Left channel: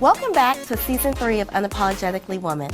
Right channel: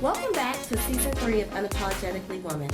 Welcome back to Season 3 of Unapologetically Woman.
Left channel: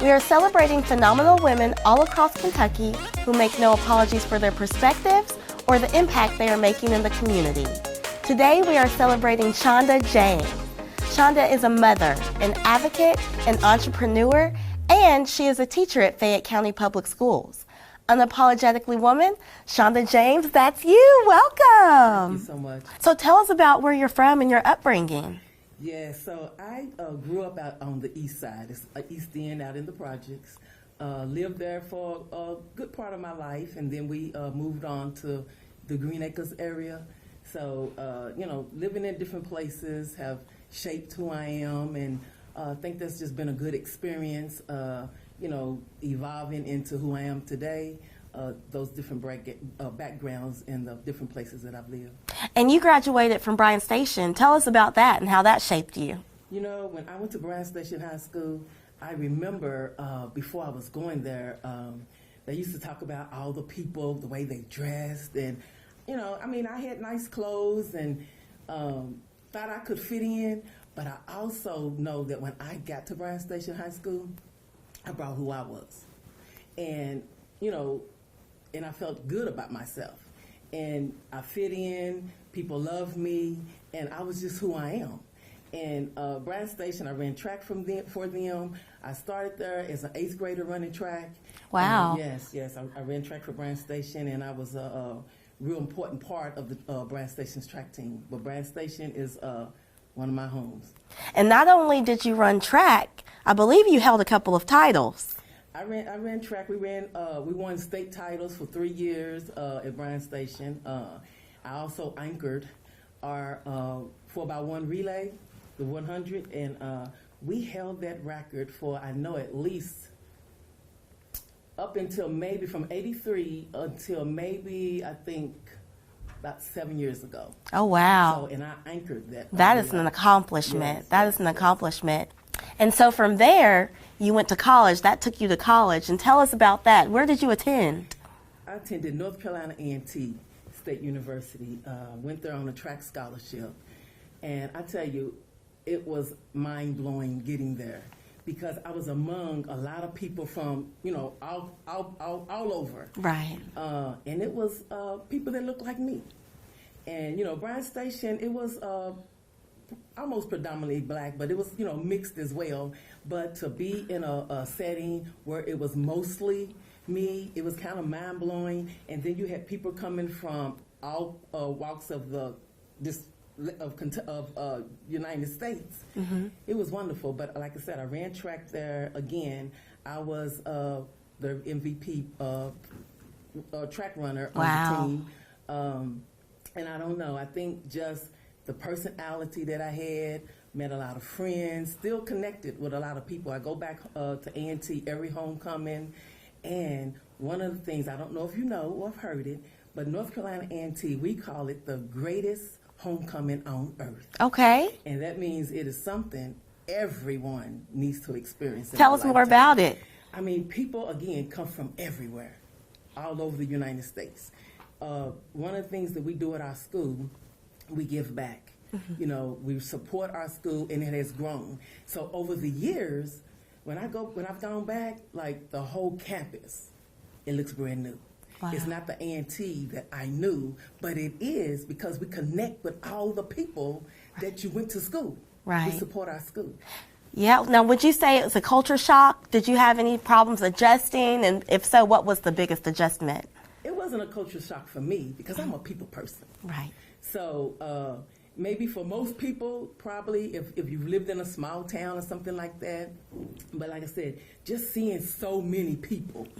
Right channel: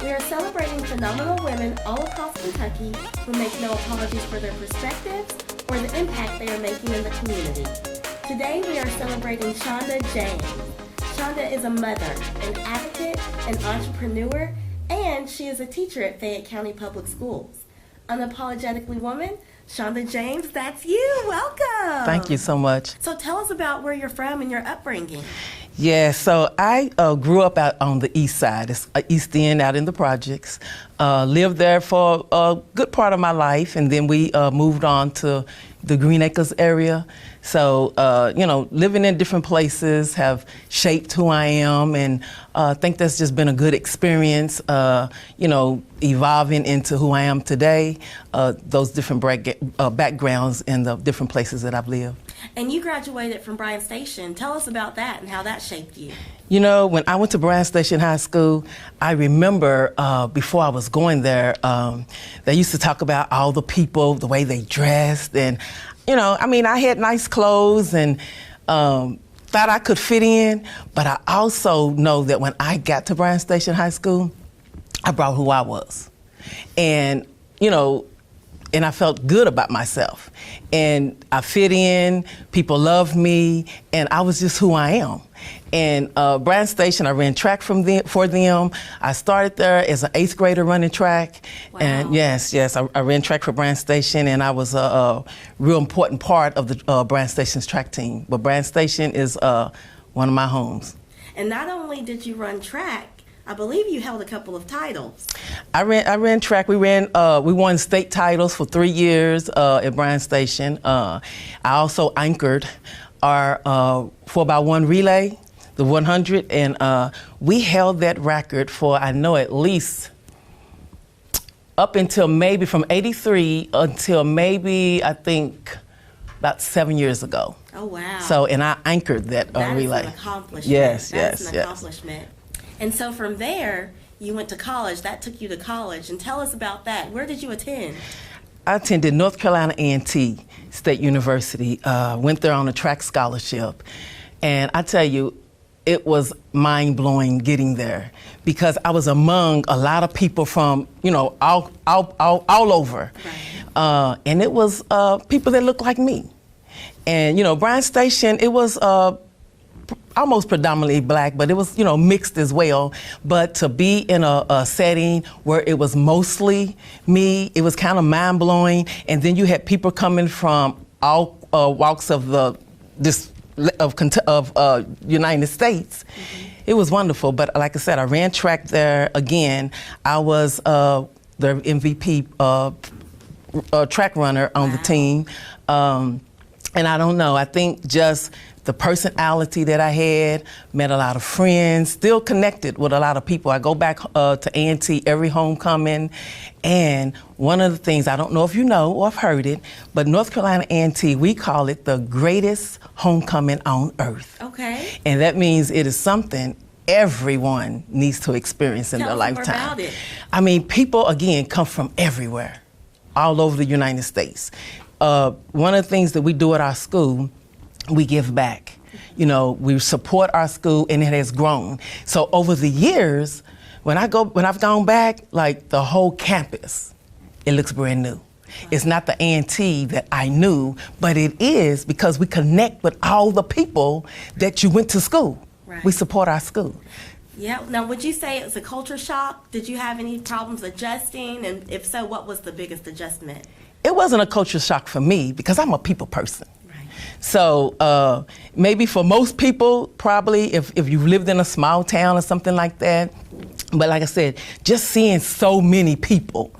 We are celebrating phenomenal women all across Kentucky who make no apologies for their perspectives or the impact they are making in the community. Today we are celebrating Shonda James. Shonda is a mother, an advocate, an entrepreneur, and she is a teacher at Fayette County Public Schools. Unapologetically Woman, Shonda James, that's you. Welcome. Thank you so much. So tell us about where you're from and your upbringing. Yeah, so I grew up out on the east side, it's East End, out in the projects. Lived there for a good part of my life, and then we moved on to the Green Acres area. So, living in different places have shaped who I am, and I think that's just been a good experience, evolving into who I am today, those different backgrounds in the different places that I've lived. And you graduated from Bryan Station. Tell us about that and how that shaped you. You know, when I went to Bryan Station High School, I remember before I was going there, they used to talk about all the people, the way they dressed, and I had nice clothes and thought I could fit in, but I also know that when I got to Bryan Station High School, I brought who I was. And, and I felt good about myself. And I fit in, people loved me, and I was just who I am. And Bryan Station, I ran track for them. I started there as an 8th grader running track. Wow. And yes, I ran track for Bryan Station, and I was a real important part of the Bryan Station's track team. But Bryan Station is one of my homes. And not only did you run track, I believe you held a couple of titles. I ran track. We won state titles for 3 years at Bryan Station. I also anchored our 4x1 relay, the 100, and we held that record for, I know, at least up until maybe from '83 until maybe, I think, about 7 years ago. Oh, wow. So, and I anchored that relay. That is an accomplishment. Yes, That is an accomplishment. And so from there, you went to college. That took you to college. And tell us about that. Where did you attend? I attended North Carolina A&T State University. Went there on a track scholarship. And I tell you, it was mind-blowing getting there because I was among a lot of people from, all over. Right. And it was people that looked like me. And, Bryan Station, it was almost predominantly black, but it was, mixed as well. But to be in a setting where it was mostly me, it was kind of mind-blowing. And then you had people coming from all walks of the United States. Mm-hmm. It was wonderful, but like I said, I ran track there again. I was the MVP track runner on the team. And I don't know, I think just the personality that I had, met a lot of friends, still connected with a lot of people. I go back to A&T every homecoming, and one of the things, I don't know if you know or have heard it, but North Carolina A&T, we call it the greatest homecoming on earth. Okay. And that means it is something everyone needs to experience in their lifetime. Tell us more about it. I mean, people, again, come from everywhere, all over the United States. One of the things that we do at our school, we give back. Mm-hmm. We support our school, and it has grown. So over the years, when I've gone back, like the whole campus, it looks brand new. Wow. It's not the A&T that I knew, but it is because we connect with all the people that you went to school. Right. We support our school. Yeah. Now, would you say it's a culture shock? Did you have any problems adjusting? And if so, what was the biggest adjustment? It wasn't a culture shock for me because I'm a people person. Right. So maybe for most people, probably if you've lived in a small town or something like that. But like I said, just seeing so many people,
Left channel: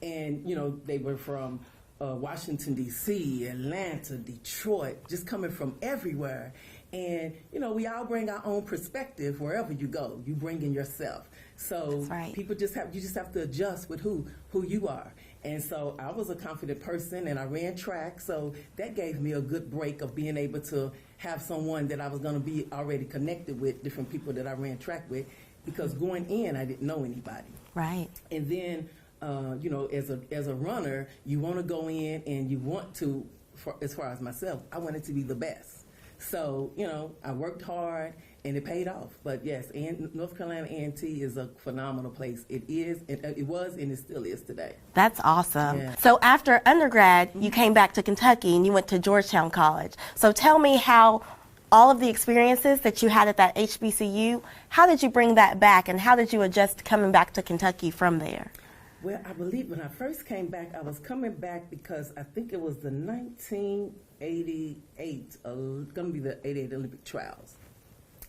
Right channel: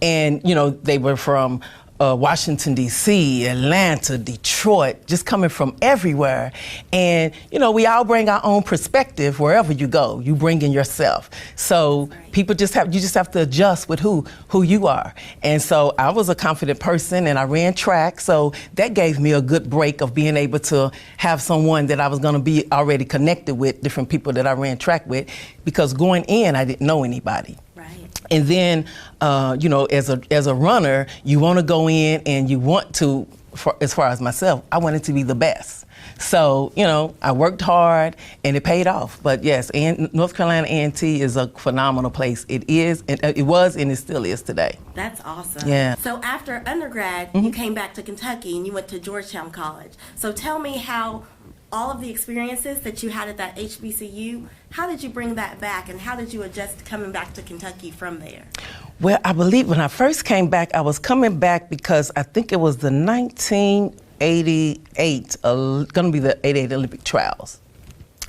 and they were from Washington, D.C., Atlanta, Detroit, just coming from everywhere. And, we all bring our own perspective wherever you go. You bring in yourself. So right. People you just have to adjust with who you are. And so I was a confident person, and I ran track. So that gave me a good break of being able to have someone that I was going to be already connected with, different people that I ran track with, because going in, I didn't know anybody. Right. And then, as a runner, you want to go in and you want to, as far as myself, I wanted to be the best. So, you know, I worked hard and it paid off. But yes, and North Carolina A&T is a phenomenal place. It is, and it was, and it still is today. That's awesome. Yeah. So after undergrad, you came back to Kentucky and you went to Georgetown College. So tell me how all of the experiences that you had at that HBCU, how did you bring that back and how did you adjust coming back to Kentucky from there? Well, I believe when I first came back, I was coming back because I think it was the 1988, going to be the 88 Olympic trials.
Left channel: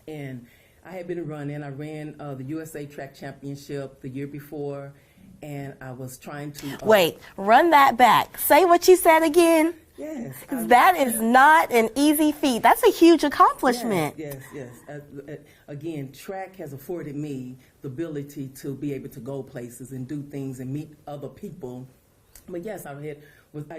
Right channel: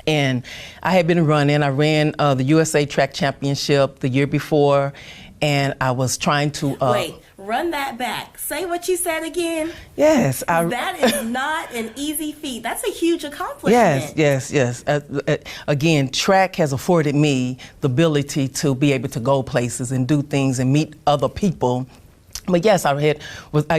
And I had been running. I ran the USA Track Championship the year before, and I was trying to... Wait, run that back. Say what you said again. Yes. That is not an easy feat. That's a huge accomplishment. Yes. Again, track has afforded me the ability to be able to go places and do things and meet other people. But yes, I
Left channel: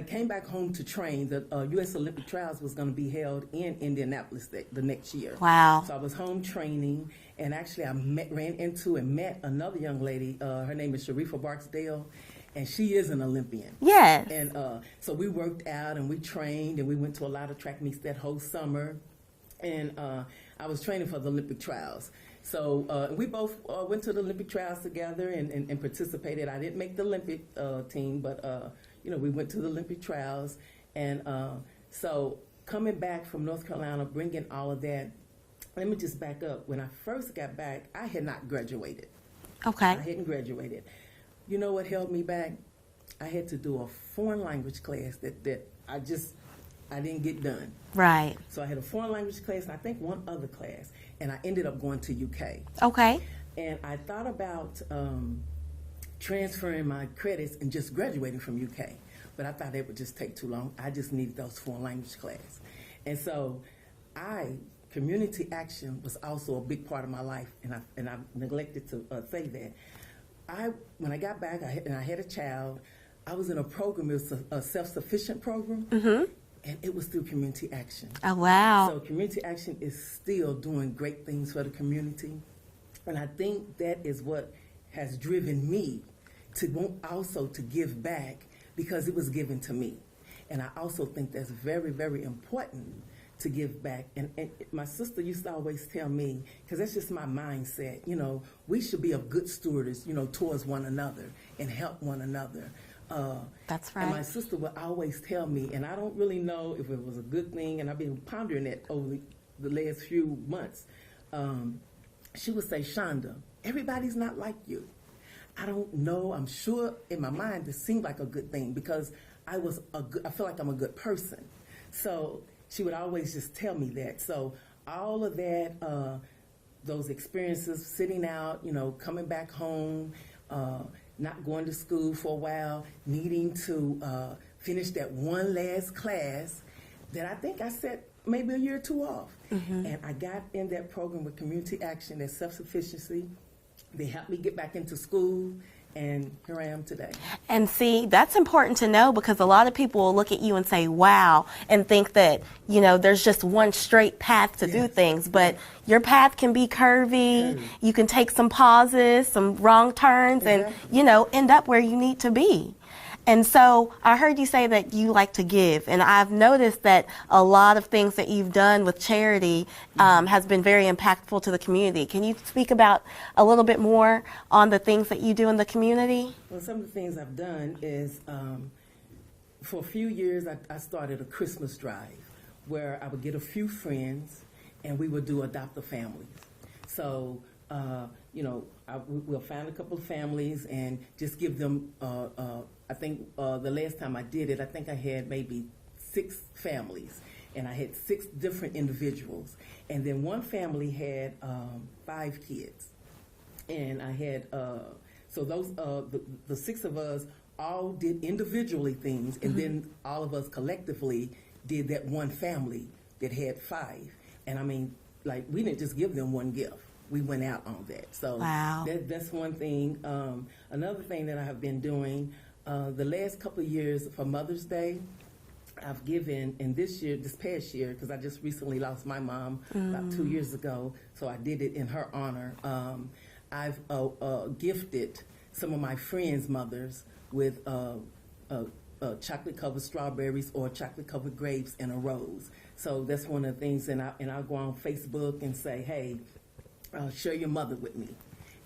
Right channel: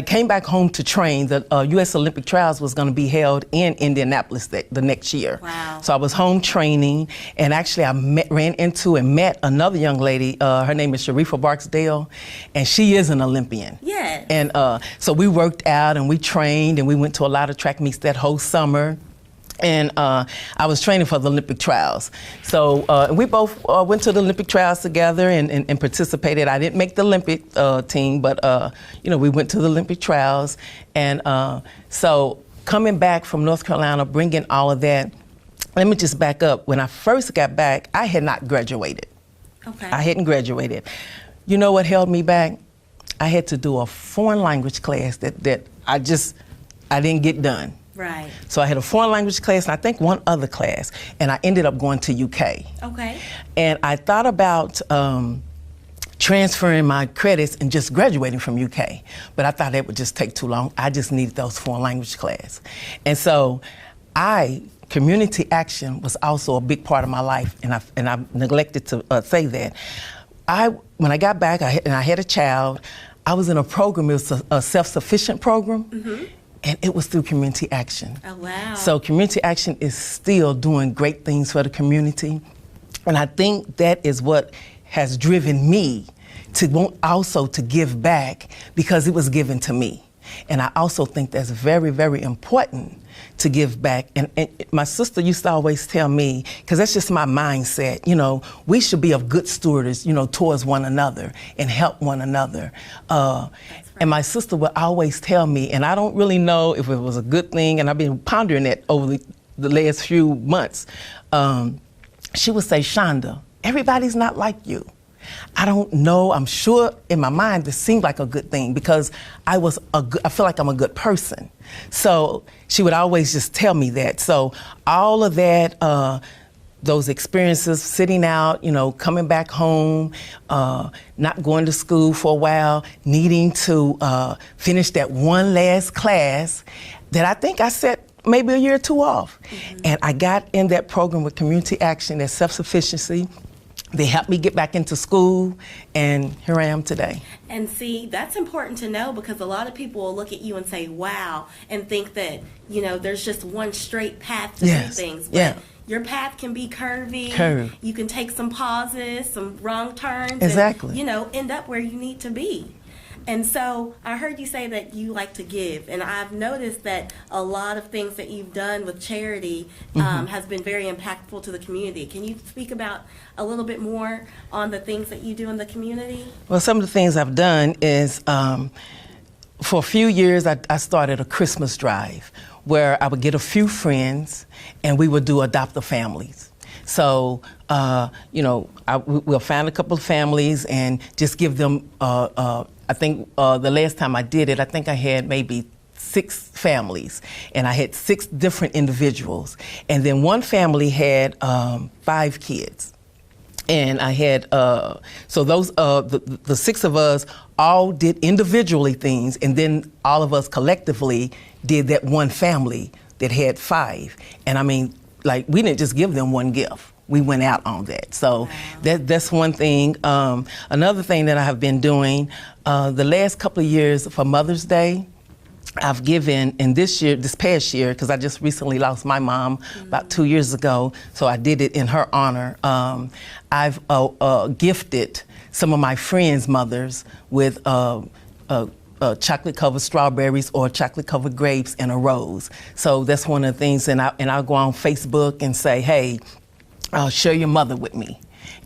came back home to train. The U.S. Olympic trials was going to be held in Indianapolis the next year. Wow. So I was home training, and actually I ran into and met another young lady. Her name is Sharifa Barksdale, and she is an Olympian. Yes. And so we worked out and we trained, and we went to a lot of track meets that whole summer. And I was training for the Olympic trials. So we both went to the Olympic trials together and participated. I didn't make the Olympic team, but you know, we went to the Olympic trials. And so coming back from North Carolina, bringing all of that, let me just back up. When I first got back, I had not graduated. Okay. I hadn't graduated. You know what held me back? I had to do a foreign language class that I didn't get done. Right. So I had a foreign language class and I think one other class, and I ended up going to UK. Okay. And I thought about transferring my credits and just graduating from UK, but I thought that would just take too long. I just needed those foreign language class. And so community action was also a big part of my life, and I neglected to say that. When I got back, I had a child, I was in a program, it was a self-sufficient program. Mm-hmm. And it was through community action. Oh, wow. So community action is still doing great things for the community. And I think that is what has driven me to want also to give back, because it was given to me. And I also think that's very, very important to give back. And my sister used to always tell me, because that's just my mindset, you know, we should be of good stewards, you know, towards one another and help one another. That's right. And my sister would always tell me, and I don't really know if it was a good thing, and I've been pondering it over the last few months. She would say, Shonda, everybody's not like you. I don't know, I'm sure in my mind this seemed like a good thing because I feel like I'm a good person. So she would always just tell me that. So all of that, those experiences, sitting out, you know, coming back home, not going to school for a while, needing to finish that one last class that I think I set maybe a year or two off. Mm-hmm. And I got in that program with community action, that self-sufficiency. They helped me get back into school, and here I am today. And see, that's important to know, because a lot of people will look at you and say, wow, and think that, you know, there's just one straight path to do things. But your path can be curvy. You can take some pauses, some wrong turns, and, you know, end up where you need to be. And so I heard you say that you like to give, and I've noticed that a lot of things that you've done with charity has been very impactful to the community. Can you speak about a little bit more on the things that you do in the community? Well, some of the things I've done is, for a few years, I started a Christmas drive where I would get a few friends and we would do adopt-a families. So, you know, we'll find a couple of families and just give them, I think the last time I did it, I think I had maybe 6 families, and I had 6 different individuals. And then one family had 5 kids. And I had, so those, the 6 of us all did individually things, and then all of us collectively did that one family that had 5. And I mean, like, we didn't just give them one gift. We went out on that. So that's one thing. Another thing that I have been doing, the last couple of years for Mother's Day, I've given, and this past year, because I just recently lost my mom about 2 years ago, so I did it in her honor. I've gifted some of my friends' mothers with chocolate-covered strawberries or chocolate-covered grapes in a rose. So that's one of the things, and I'll go on Facebook and say, hey, share your mother with me.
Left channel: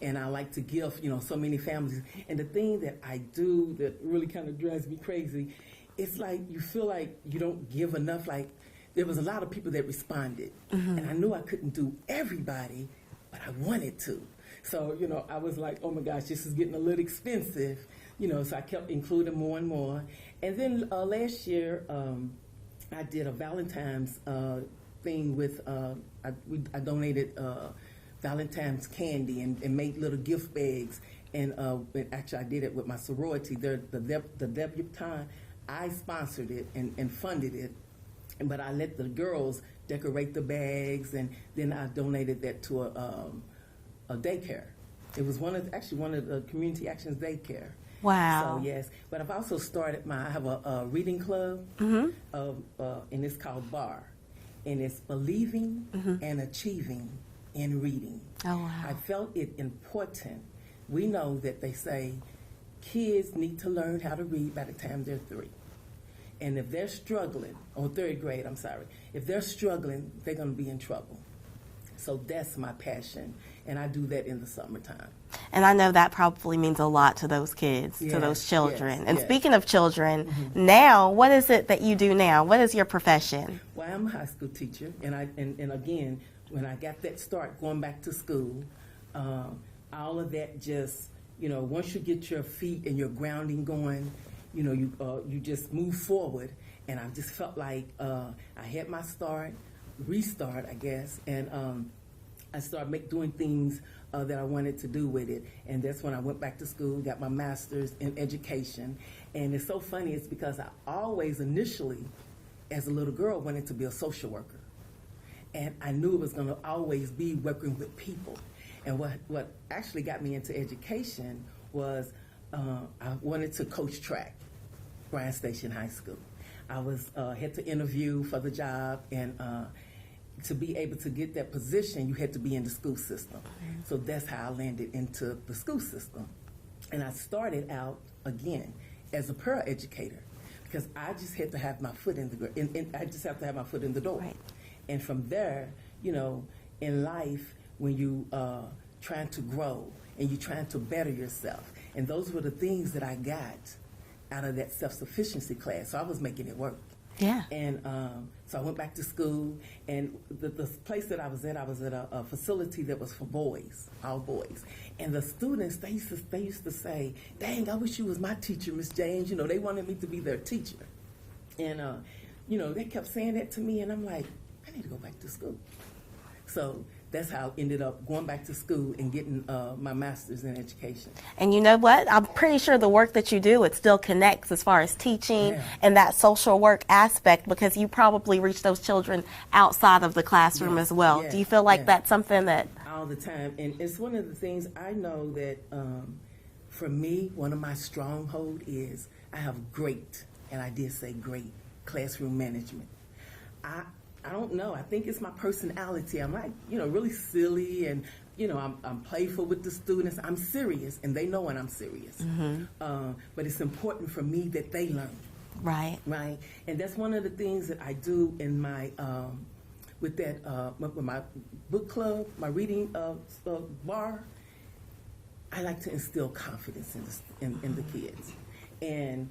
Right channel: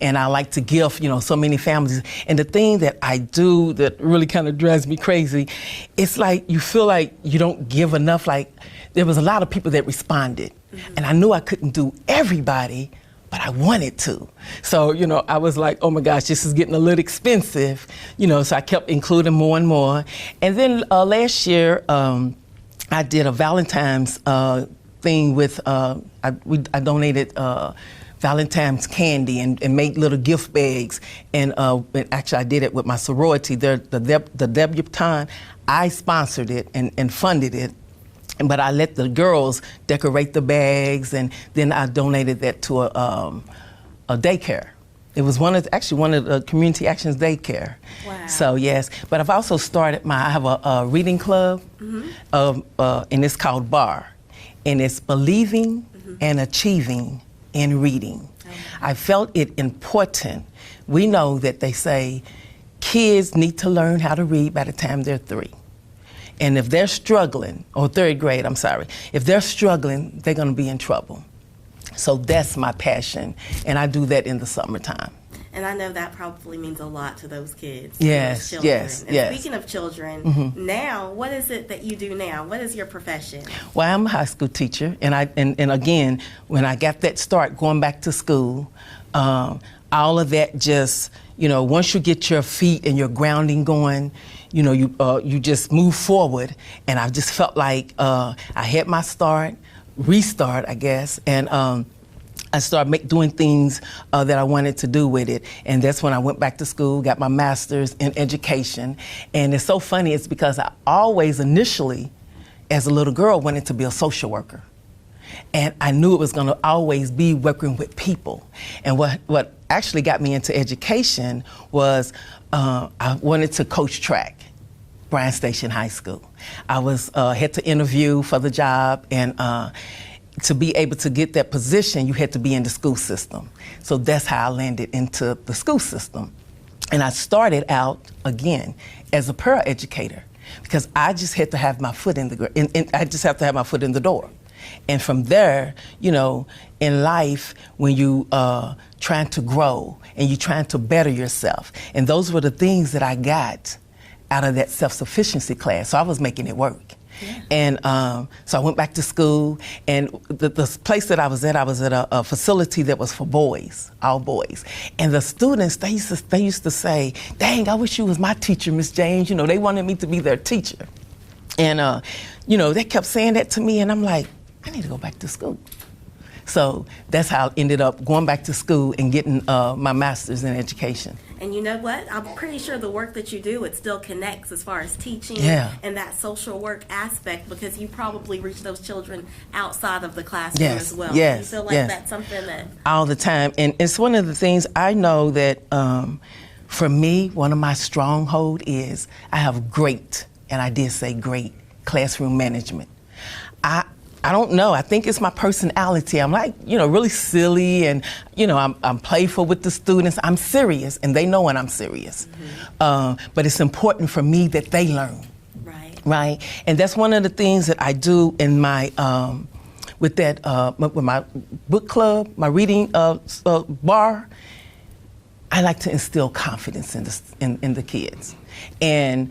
And I like to gift, so many families. And the thing that I do that really kind of drives me crazy, it's like you feel like you don't give enough. Like there was a lot of people that responded, and I knew I couldn't do everybody, but I wanted to. So, I was like, oh my gosh, this is getting a little expensive, so I kept including more and more. And then last year, I did a Valentine's thing with, I donated Valentine's candy and made little gift bags. And actually, I did it with my sorority. The debutante, I sponsored it and funded it. But I let the girls decorate the bags, and then I donated that to a daycare. It was one of the Community Actions daycare. Wow. So yes, but I've also started I have a reading club, and it's called BAR, and it's Believing and Achieving in Reading. Oh, wow. I felt it important. We know that they say kids need to learn how to read by the time they're 3. And if they're struggling, or 3rd grade, I'm sorry, if they're struggling, they're gonna be in trouble. So that's my passion, and I do that in the summertime. And I know that probably means a lot to those kids, yes, to those children. Yes, and yes. Speaking of children, now, what is it that you do now? What is your profession? Well, I'm a high school teacher, and again, when I got that start going back to school, all of that just, once you get your feet and your grounding going, you just move forward. And I just felt like I had my restart, I guess, and I started doing things that I wanted to do with it. And that's when I went back to school, got my master's in education. And it's so funny, it's because I always initially, as a little girl, wanted to be a social worker. And I knew it was going to always be working with people. And what actually got me into education was I wanted to coach track, Bryan Station High School. I had to interview for the job, and to be able to get that position, you had to be in the school system. So that's how I landed into the school system. And I started out, again, as a paraeducator, because I just had to have my foot in the door. And from there, in life, when you trying to grow and you're trying to better yourself, and those were the things that I got out of that self-sufficiency class. So I was making it work. Yeah. And so I went back to school, and the place that I was at a facility that was for boys, all boys. And the students, they used to say, dang, I wish you was my teacher, Miss James. They wanted me to be their teacher. And, they kept saying that to me, and I'm like, I need to go back to school. So that's how I ended up going back to school and getting my master's in education. And you know what? I'm pretty sure the work that you do, it still connects as far as teaching and that social work aspect, because you probably reach those children outside of the classroom as well. Yes, do you feel like that's something that... All the time. And it's one of the things I know that for me, one of my stronghold is I have great, and I did say great, classroom management. I don't know. I think it's my personality. I'm like, really silly, and, I'm playful with the students. I'm serious, and they know when I'm serious. But it's important for me that they learn. Right. Right. And that's one of the things that I do in my, with my book club, my reading bar. I like to instill confidence in the kids. And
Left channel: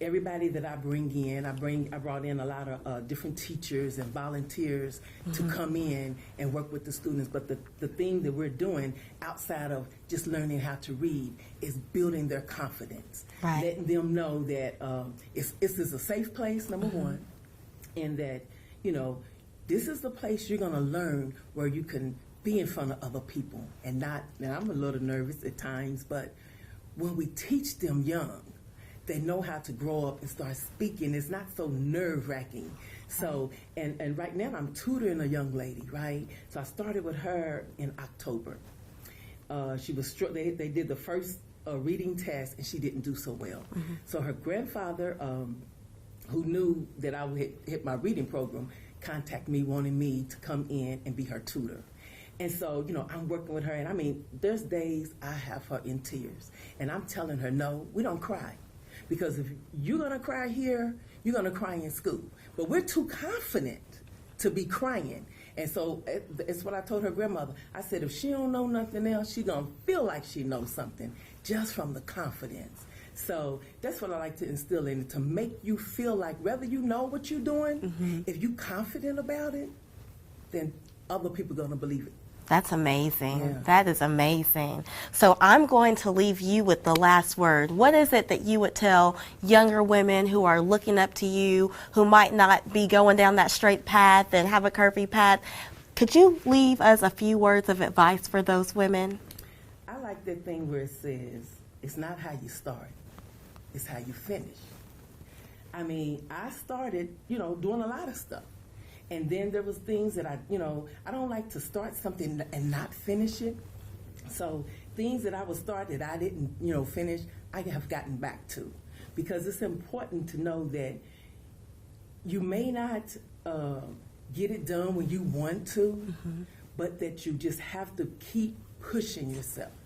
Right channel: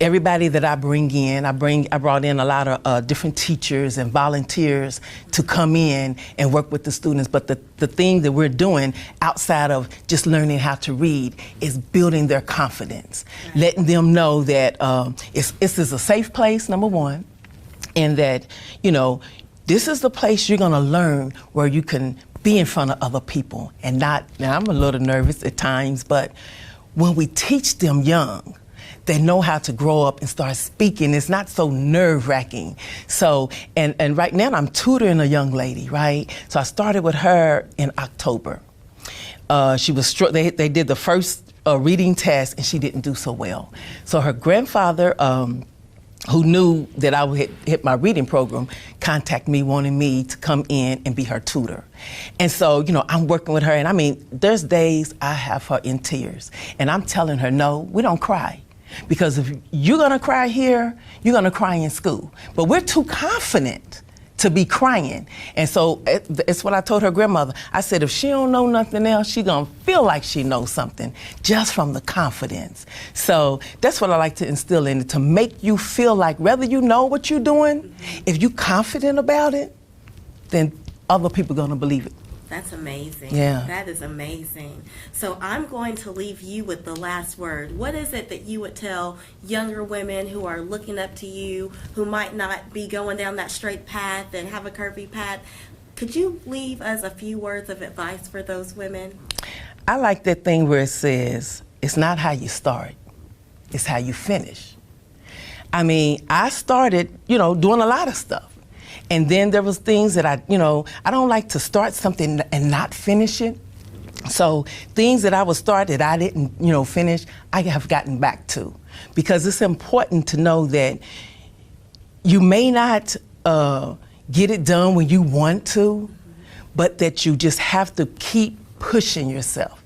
everybody that I bring in, I brought in a lot of different teachers and volunteers to come in and work with the students. But the thing that we're doing outside of just learning how to read is building their confidence, letting them know that this is a safe place, number one, and that, this is the place you're gonna learn where you can be in front of other people and not, now I'm a little nervous at times, but when we teach them young, they know how to grow up and start speaking. It's not so nerve-wracking. So, and right now I'm tutoring a young lady, right? So I started with her in October. She was they did the first reading test, and she didn't do so well. So her grandfather, who knew that I would hit my reading program, contacted me, wanting me to come in and be her tutor. And so, I'm working with her, and I mean, there's days I have her in tears, and I'm telling her, no, we don't cry. Because if you're gonna cry here, you're gonna cry in school. But we're too confident to be crying. And so it's what I told her grandmother. I said, if she don't know nothing else, she gonna feel like she knows something just from the confidence. So that's what I like to instill in it, to make you feel like whether you know what you're doing, if you're confident about it, then other people are gonna believe it. That's amazing. Yeah. That is amazing. So I'm going to leave you with the last word. What is it that you would tell younger women who are looking up to you, who might not be going down that straight path and have a curvy path? Could you leave us a few words of advice for those women? I like that thing where it says, it's not how you start, it's how you finish. I mean, I started, doing a lot of stuff. And then there was things that I don't like to start something and not finish it. So things that I would start that I didn't, finish, I have gotten back to. Because it's important to know that you may not get it done when you want to, but that you just have to keep pushing yourself,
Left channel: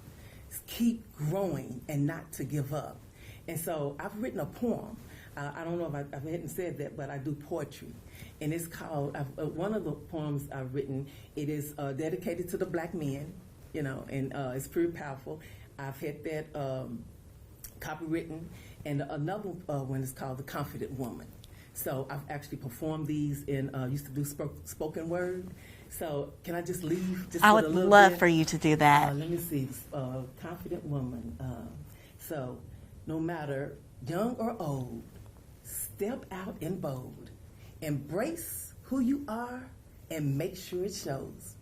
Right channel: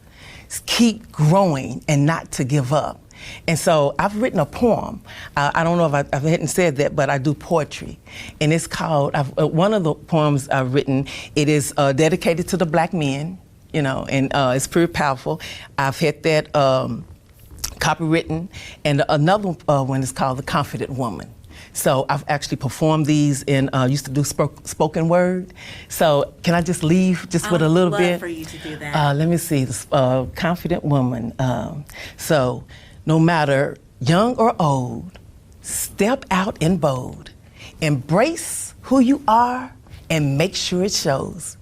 keep growing and not to give up. And so I've written a poem. I don't know if I hadn't said that, but I do poetry. And it's called, one of the poems I've written, it is dedicated to the black men, and it's pretty powerful. I've had that copywritten. And another one is called The Confident Woman. So I've actually performed these and used to do spoken word. So can I just leave with a little bit? I would love for you to do that. Let me see, Confident Woman. So, no matter young or old, step out in bold. Embrace who you are and make sure it shows.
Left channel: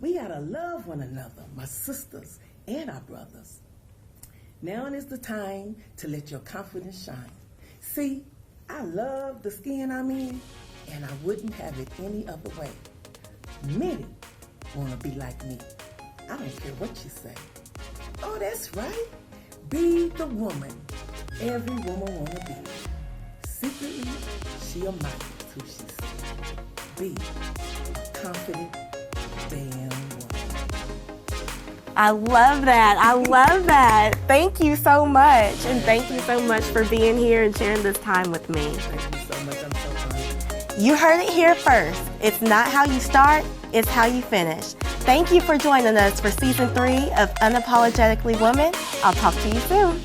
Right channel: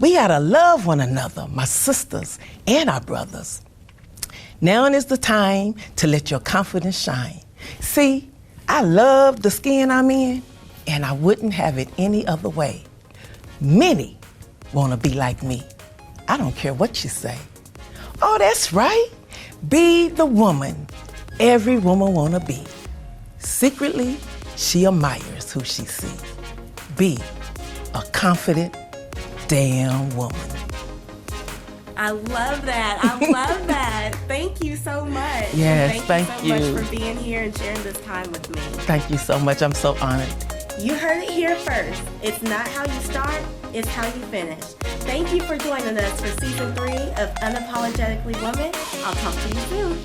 We gotta love one another, my sisters and our brothers. Now is the time to let your confidence shine. See, I love the skin I'm in, and I wouldn't have it any other way. Many wanna be like me. I don't care what you say. Oh, that's right. Be the woman every woman wanna be. Secretly, she admires who she sees. Be a confident, damn woman. I love that. I love that. Thank you so much. Yes, and thank you so much for being here and sharing this time with me. Thank you so much. I'm so honored. You heard it here first. It's not how you start, it's how you finish. Thank you for joining us for Season 3 of Unapologetically Woman. I'll talk to you soon.